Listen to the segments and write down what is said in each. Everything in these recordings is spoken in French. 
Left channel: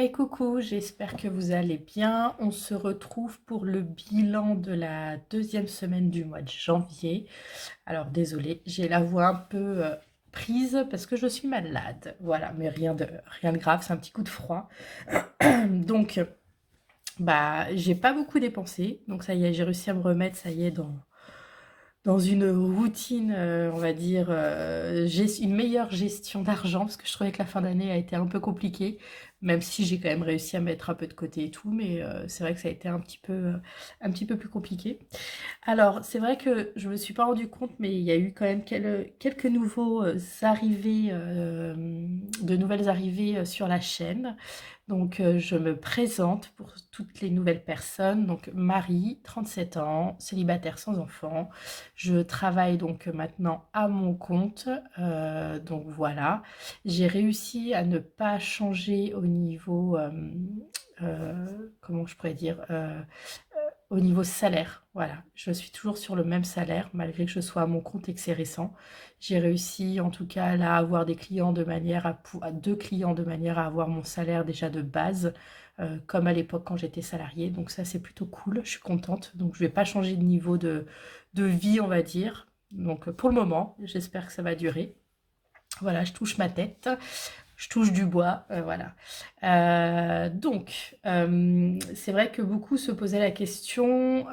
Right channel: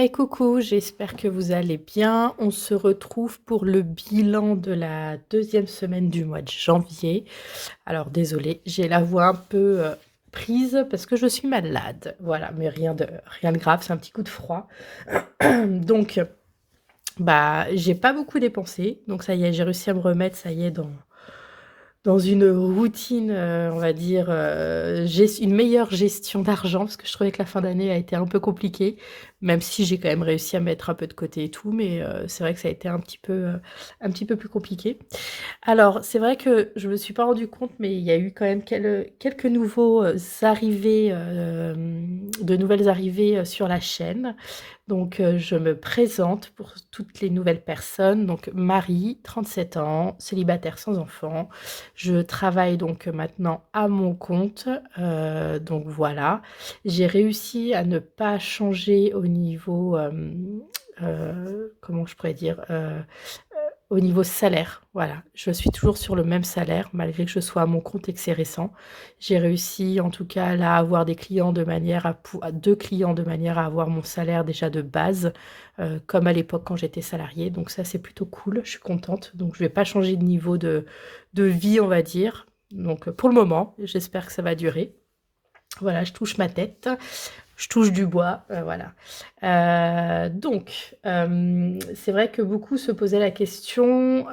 Hey coucou, j'espère que vous allez bien. On se retrouve pour le bilan de la deuxième semaine du mois de janvier. Alors désolée, j'ai la voix un peu prise parce que je suis malade. Voilà, mais rien de grave, c'est un petit coup de froid. Donc, bah, j'ai pas beaucoup dépensé. Donc ça y est, j'ai réussi à me remettre, ça y est, dans une routine, on va dire, une meilleure gestion d'argent, parce que je trouvais que la fin d'année a été un peu compliquée, même si j'ai quand même réussi à mettre un peu de côté et tout, mais c'est vrai que ça a été un petit peu plus compliqué. Alors, c'est vrai que je me suis pas rendu compte, mais il y a eu quand même quelques nouveaux arrivées, de nouvelles arrivées sur la chaîne. Donc, je me présente pour toutes les nouvelles personnes. Donc, Marie, 37 ans, célibataire sans enfant. Je travaille donc maintenant à mon compte. Donc voilà, j'ai réussi à ne pas changer au niveau, comment je pourrais dire, au niveau salaire, voilà. Je suis toujours sur le même salaire malgré que je sois à mon compte et que c'est récent. J'ai réussi en tout cas là à avoir des clients de manière à 2 clients de manière à avoir mon salaire déjà de base, comme à l'époque quand j'étais salariée. Donc ça, c'est plutôt cool, je suis contente. Donc je vais pas changer de niveau de vie, on va dire. Donc pour le moment, j'espère que ça va durer. Voilà, je touche ma tête. Je touche du bois, voilà. C'est vrai que beaucoup se posaient la question.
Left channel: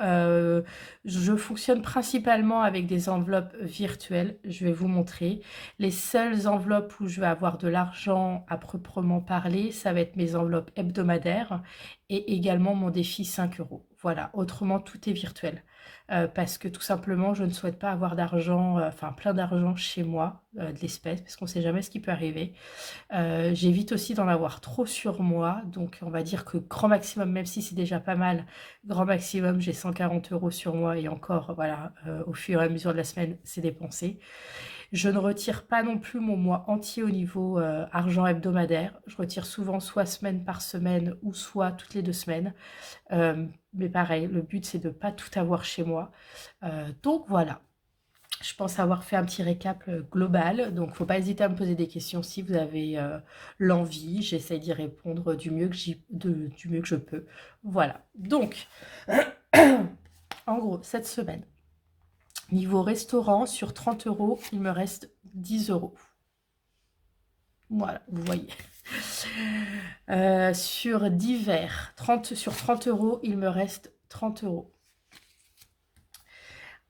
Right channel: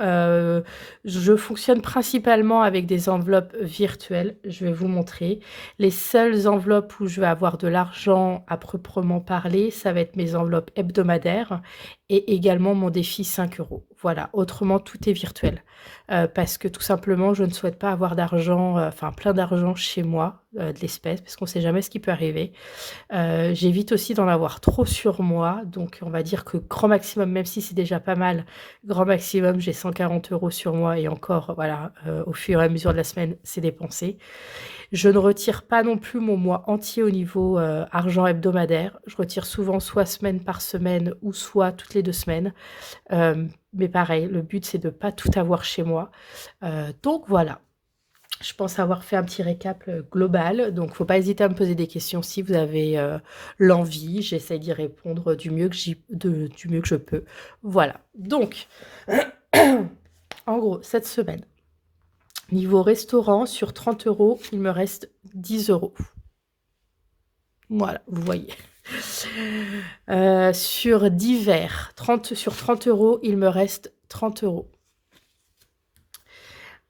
Je fonctionne principalement avec des enveloppes virtuelles. Je vais vous montrer. Les seules enveloppes où je vais avoir de l'argent à proprement parler, ça va être mes enveloppes hebdomadaires et également mon défi 5 euros. Voilà, autrement, tout est virtuel. Parce que tout simplement, je ne souhaite pas avoir d'argent, enfin plein d'argent chez moi, de l'espèce, parce qu'on ne sait jamais ce qui peut arriver. J'évite aussi d'en avoir trop sur moi, donc on va dire que grand maximum, même si c'est déjà pas mal, grand maximum, j'ai 140 € sur moi et encore, voilà, au fur et à mesure de la semaine, c'est dépensé. Je ne retire pas non plus mon mois entier au niveau, argent hebdomadaire. Je retire souvent soit semaine par semaine ou soit toutes les 2 semaines. Mais pareil, le but, c'est de pas tout avoir chez moi. Donc voilà. Je pense avoir fait un petit récap, global, donc faut pas hésiter à me poser des questions si vous avez, l'envie. J'essaie d'y répondre du mieux que je peux. Voilà, donc en gros, cette semaine, niveau restaurant, sur 30 €, il me reste 10 €. Voilà, vous voyez. Sur divers, 30 €, il me reste 30 €.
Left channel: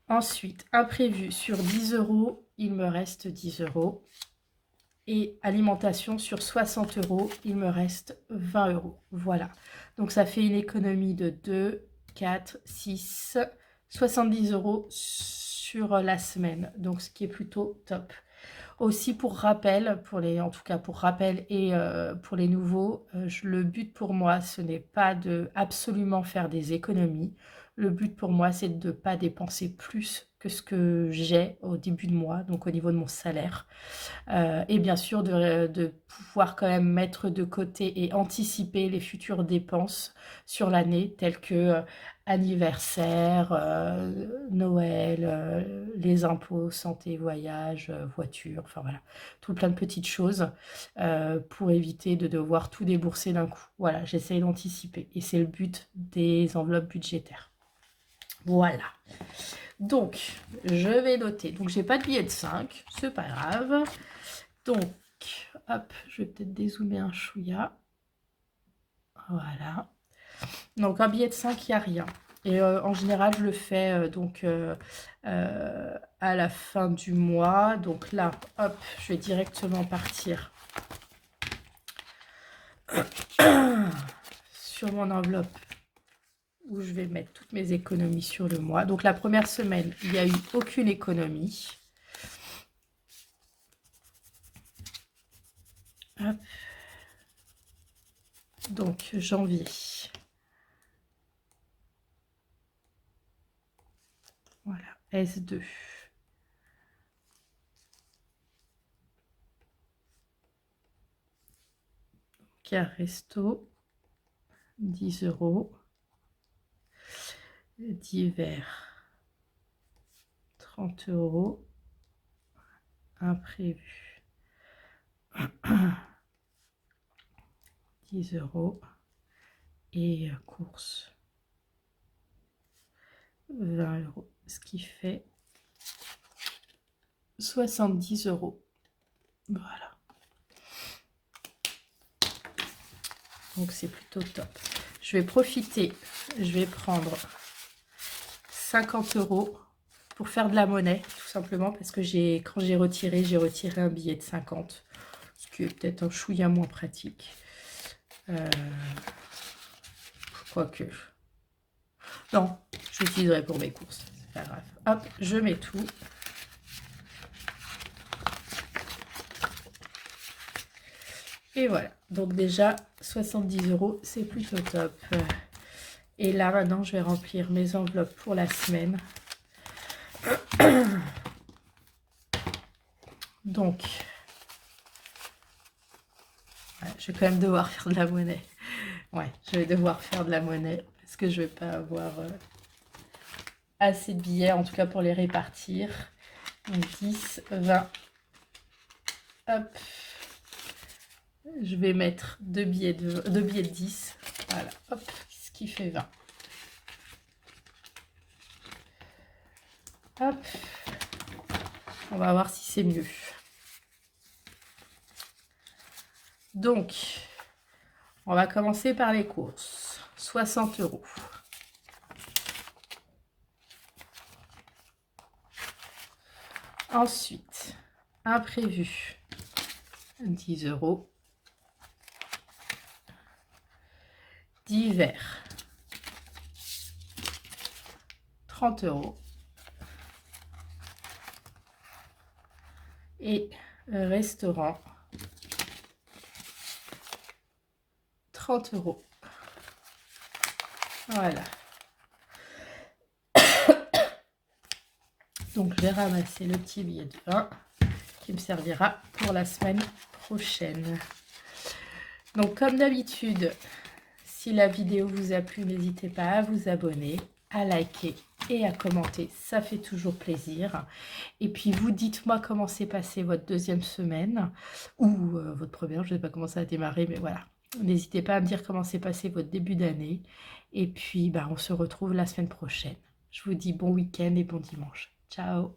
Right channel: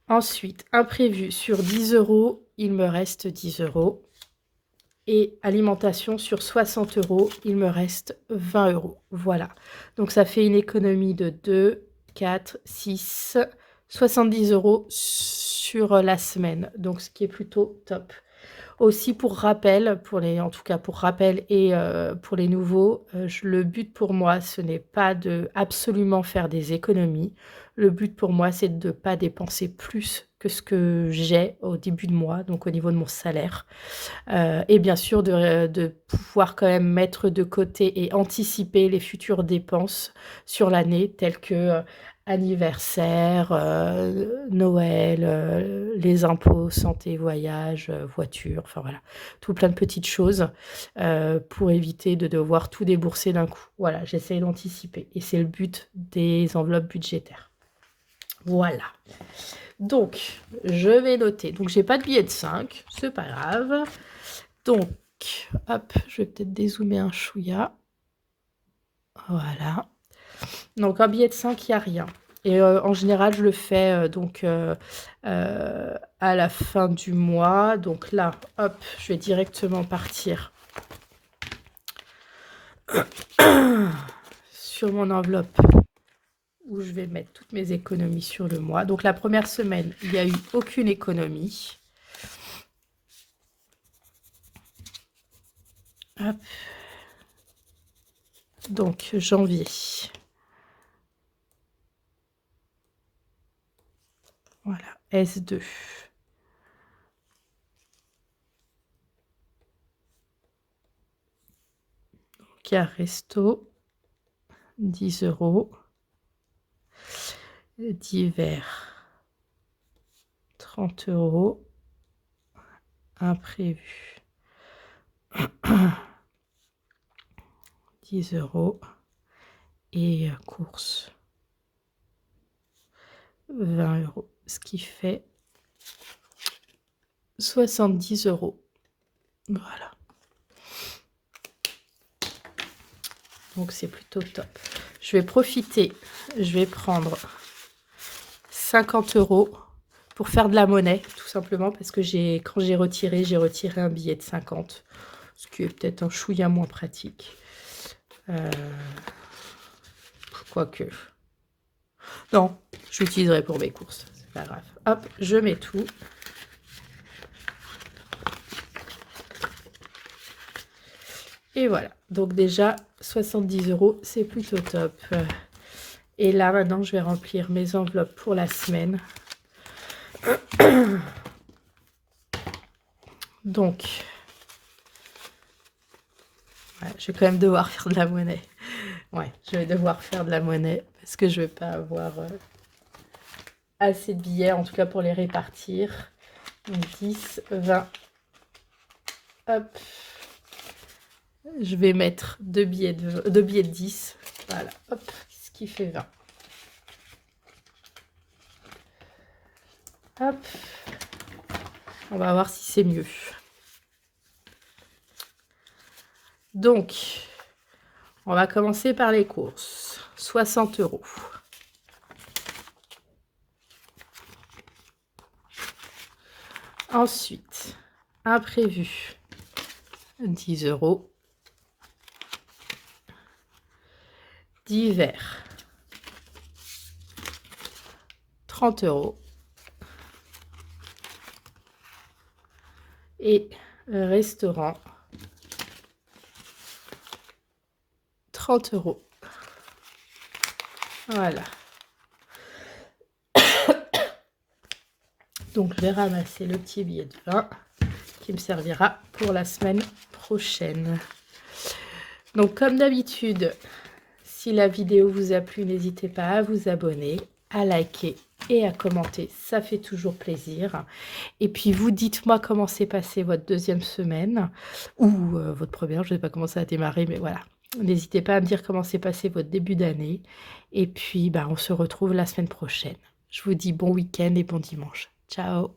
Ensuite, imprévu, sur 10 €, il me reste 10 € et alimentation sur 60 €, il me reste 20 €. Voilà. Donc ça fait une économie de 2, 4, 6, 70 € sur la semaine. Donc ce qui est plutôt top. Aussi pour rappel, en tout cas pour rappel et pour les nouveaux, le but pour moi, ce n'est pas de absolument faire des économies. Le but pour moi, c'est de ne pas dépenser plus que ce que j'ai au début de mois, donc au niveau de mon salaire. Et bien sûr de pouvoir quand même mettre de côté et anticiper les futures dépenses sur l'année telles que, anniversaire, Noël, les impôts, santé, voyage, voiture, enfin voilà, tout plein de petites choses, pour éviter de devoir tout débourser d'un coup. Voilà, j'essaye d'anticiper et c'est le but des enveloppes budgétaires. Voilà. Donc, je vais noter. Donc, j'ai pas de billet de 5, c'est pas grave. Donc, hop, je vais peut-être dézoomer un chouïa. Voilà. Donc, un billet de 5, il n'y a rien. Et en général, je le fais à la fin du mois. Donc là, hop, je vais directement partir sur mon enveloppe où je vais mettre toutes mes économies sur le mois. Donc la première semaine, il n'y a eu aucune économie. Hop. Donc janvier. Voilà, S2. Donc il y a resto, 10 €. Divers, 30 €. Imprévu, 10 € et course 20 €, ce qui fait 70 €. Voilà. Donc c'est plutôt top. Je vais profiter, je vais prendre 50 € pour faire de la monnaie, tout simplement, parce que quand j'ai retiré un billet de 50, ce qui est peut-être un chouïa moins pratique. Quoique. Non, je l'utiliserai pour mes courses, c'est pas grave. Hop, je mets tout. Et voilà, donc déjà 70 €, c'est plutôt top. Et là maintenant je vais remplir mes enveloppes pour la semaine. Donc, ouais, je vais quand même devoir faire de la monnaie. Ouais, je vais devoir faire de la monnaie parce que je vais pas avoir assez de billets, en tout cas pour les répartir. 10, 20. Hop. Je vais mettre deux billets de 10. Voilà, hop, ce qui fait 20. Hop. On va voir si c'est mieux. Donc, on va commencer par les courses. 60 €. Ensuite, imprévu, 10 €. Divers, 30 €. Et restaurant, 30 €. Voilà. Donc, je vais ramasser le petit billet de 20 qui me servira pour la semaine prochaine. Donc, comme d'habitude, si la vidéo vous a plu, n'hésitez pas à vous abonner, à liker et à commenter. Ça fait toujours plaisir. Et puis, vous dites-moi comment s'est passée votre deuxième semaine ou votre première. Je ne sais pas comment ça a démarré, mais voilà. N'hésitez pas à me dire comment s'est passé votre début d'année. Et puis, on se retrouve la semaine prochaine. Je vous dis bon week-end et bon dimanche. Ciao!